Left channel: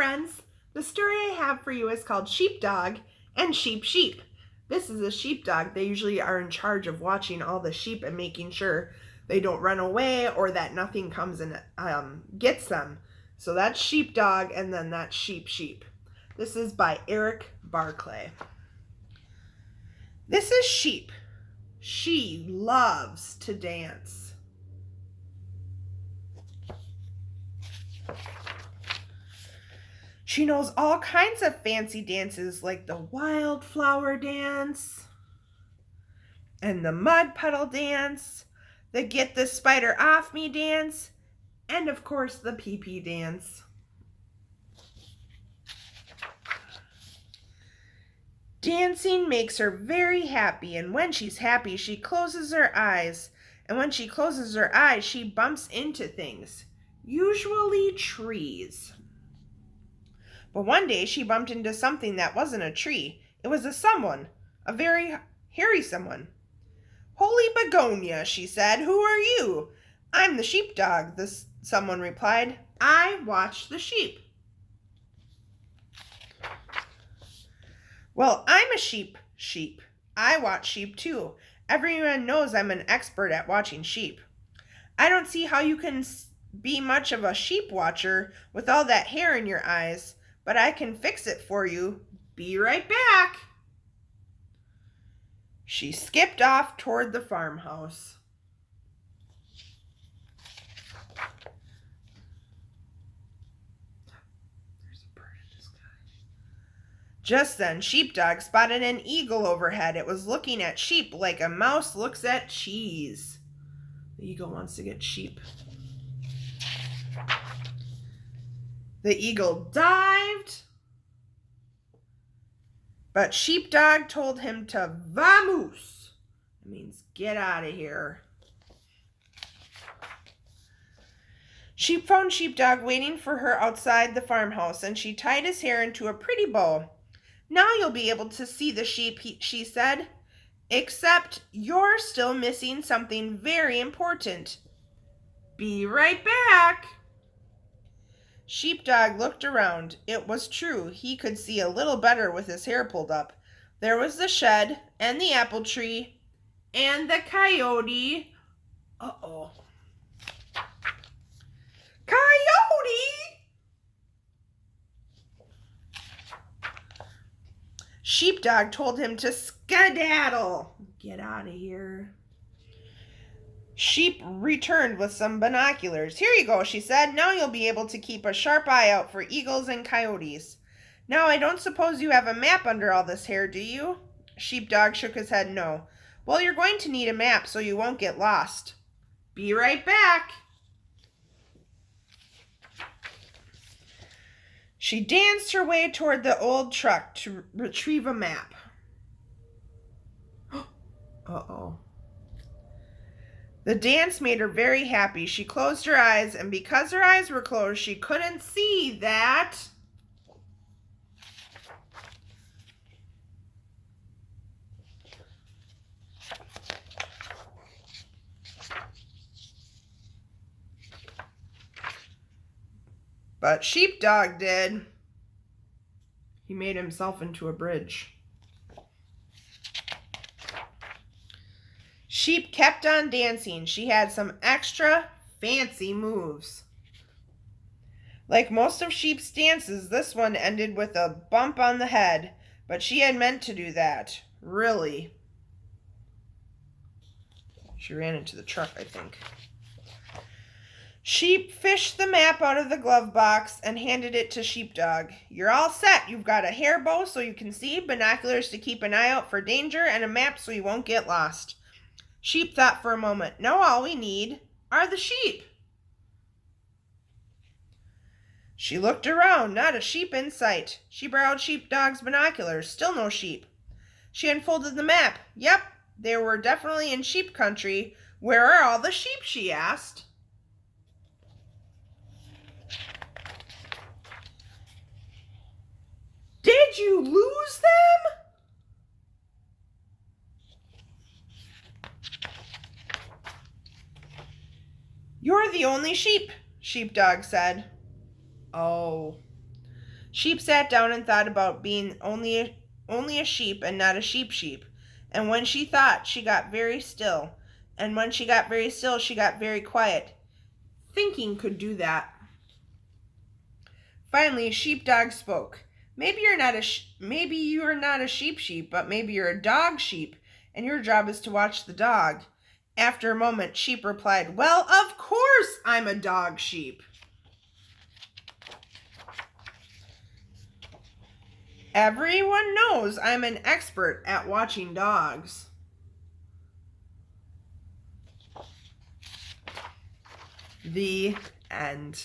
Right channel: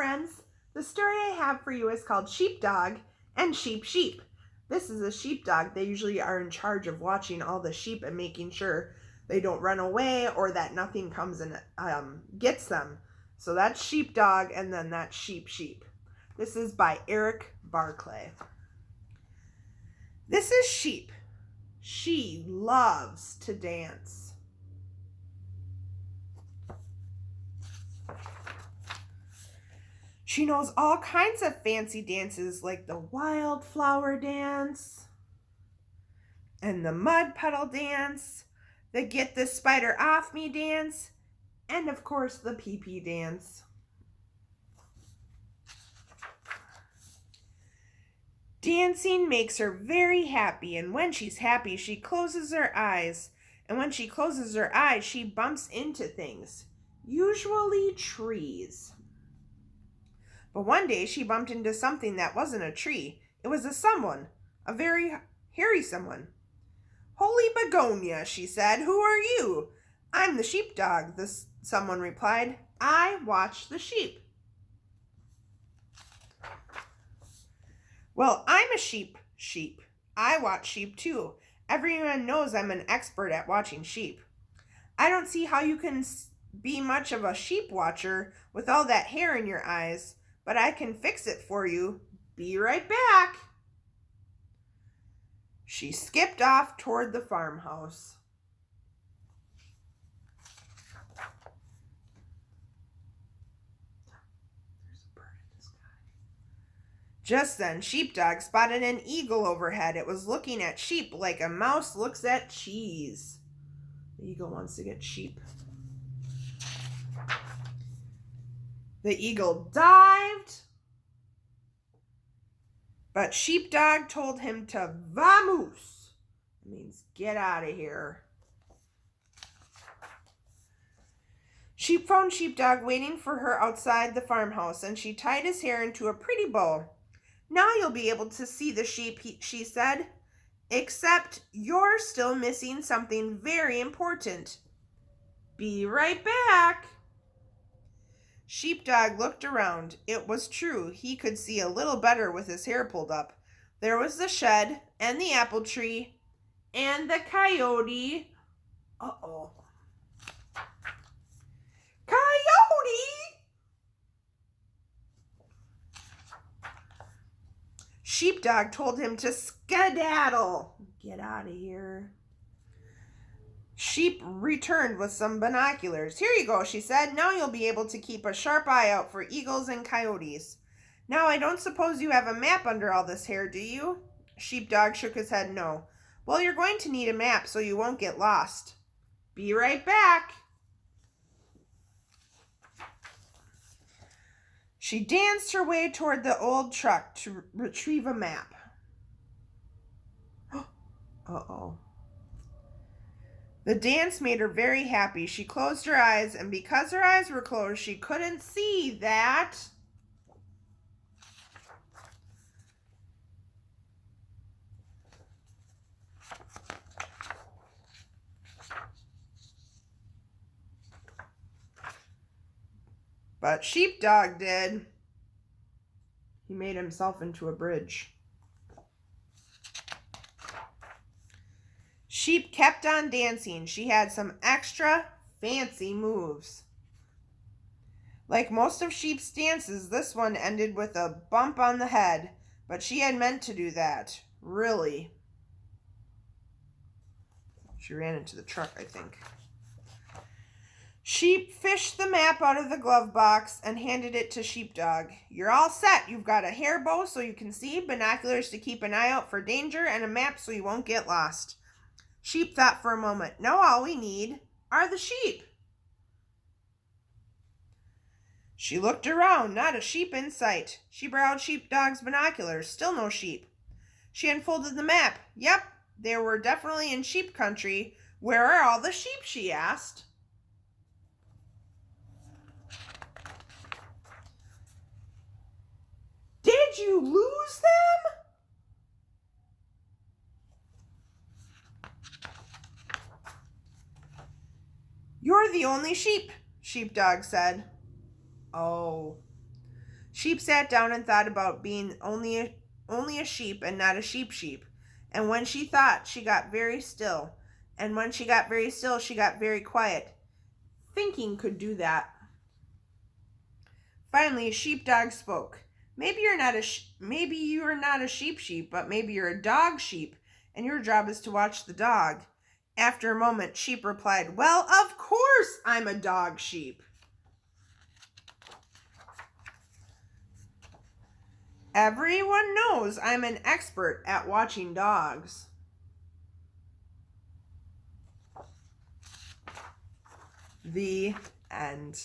friends. The story I have for you is called Sheepdog and Sheep. This is a sheepdog. They usually are in charge of watching all the sheep and making sure they don't run away or that nothing comes and gets them. So that's Sheepdog, and then that's Sheep. This is by Eric Barclay. This is Sheep. She loves to dance. She knows all kinds of fancy dances like the wildflower dance and the mud puddle dance, the get the spider off me dance, and of course the pee-pee dance. Dancing makes her very happy, and when she's happy, she closes her eyes. And when she closes her eyes, she bumps into things, usually trees. But one day she bumped into something that wasn't a tree. It was a very hairy someone. "Holy begonia," she said, "who are you?" "I'm the sheepdog," someone replied. "I watch the sheep." "Well, I'm a sheep. I watch sheep too. Everyone knows I'm an expert at watching sheep." "I don't see how you can be much of a sheep watcher with all that hair in your eyes, but I can fix it for you. Be right back." She skipped off toward the farmhouse. There's a bird in the sky. Just then, Sheepdog spotted an eagle overhead. It was looking at sheep like a mouse looks at cheese. The eagle wants to get sheep. The eagle dived, but Sheepdog told him to vamoose. It means get out of here. Sheep found Sheepdog waiting for her outside the farmhouse, and she tied his hair into a pretty bow. "Now you'll be able to see the sheep," she said. "Except you're still missing something very important. Be right back." Sheepdog looked around. It was true. He could see a little better with his hair pulled up. There was the shed, and the apple tree, and the coyote. Uh-oh. Coyote! Sheepdog told him to skedaddle. Get out of here. Sheep returned with some binoculars. "Here you go," she said. "Now you'll be able to keep a sharp eye out for eagles and coyotes. Now I don't suppose you have a map under all this hair, do you?" Sheepdog shook his head no. "Well, you're going to need a map so you won't get lost. Be right back." She danced her way toward the old truck to retrieve a map. Uh-oh. The dance made her very happy. She closed her eyes, and because her eyes were closed, she couldn't see that but Sheepdog did. He made himself into a bridge. Sheep kept on dancing. She had some extra fancy moves. Like most of Sheep's dances, this one ended with a bump on the head, but she had meant to do that. Really. She ran into the truck, I think. Sheep fished the map out of the glove box and handed it to Sheepdog. "You're all set. You've got a hair bow so you can see, binoculars to keep an eye out for danger, and a map so you won't get lost." Sheep thought for a moment. "Now all we need are the sheep." She looked around, not a sheep in sight. She borrowed Sheepdog's binoculars, still no sheep. She unfolded the map. Yep, they were definitely in sheep country. "Where are all the sheep?" she asked. "Did you lose them?" "You're the only sheep," Sheepdog said. "Oh." Sheep sat down and thought about being only a sheep and not a sheep. And when she thought, she got very still. And when she got very still, she got very quiet. Thinking could do that. Finally, Sheepdog spoke. Maybe you're not a sheep, but maybe you're a dog sheep, and your job is to watch the dog. After a moment, Sheep replied, "Well, of course I'm a dog sheep." Everyone knows I'm an expert at watching dogs. The end.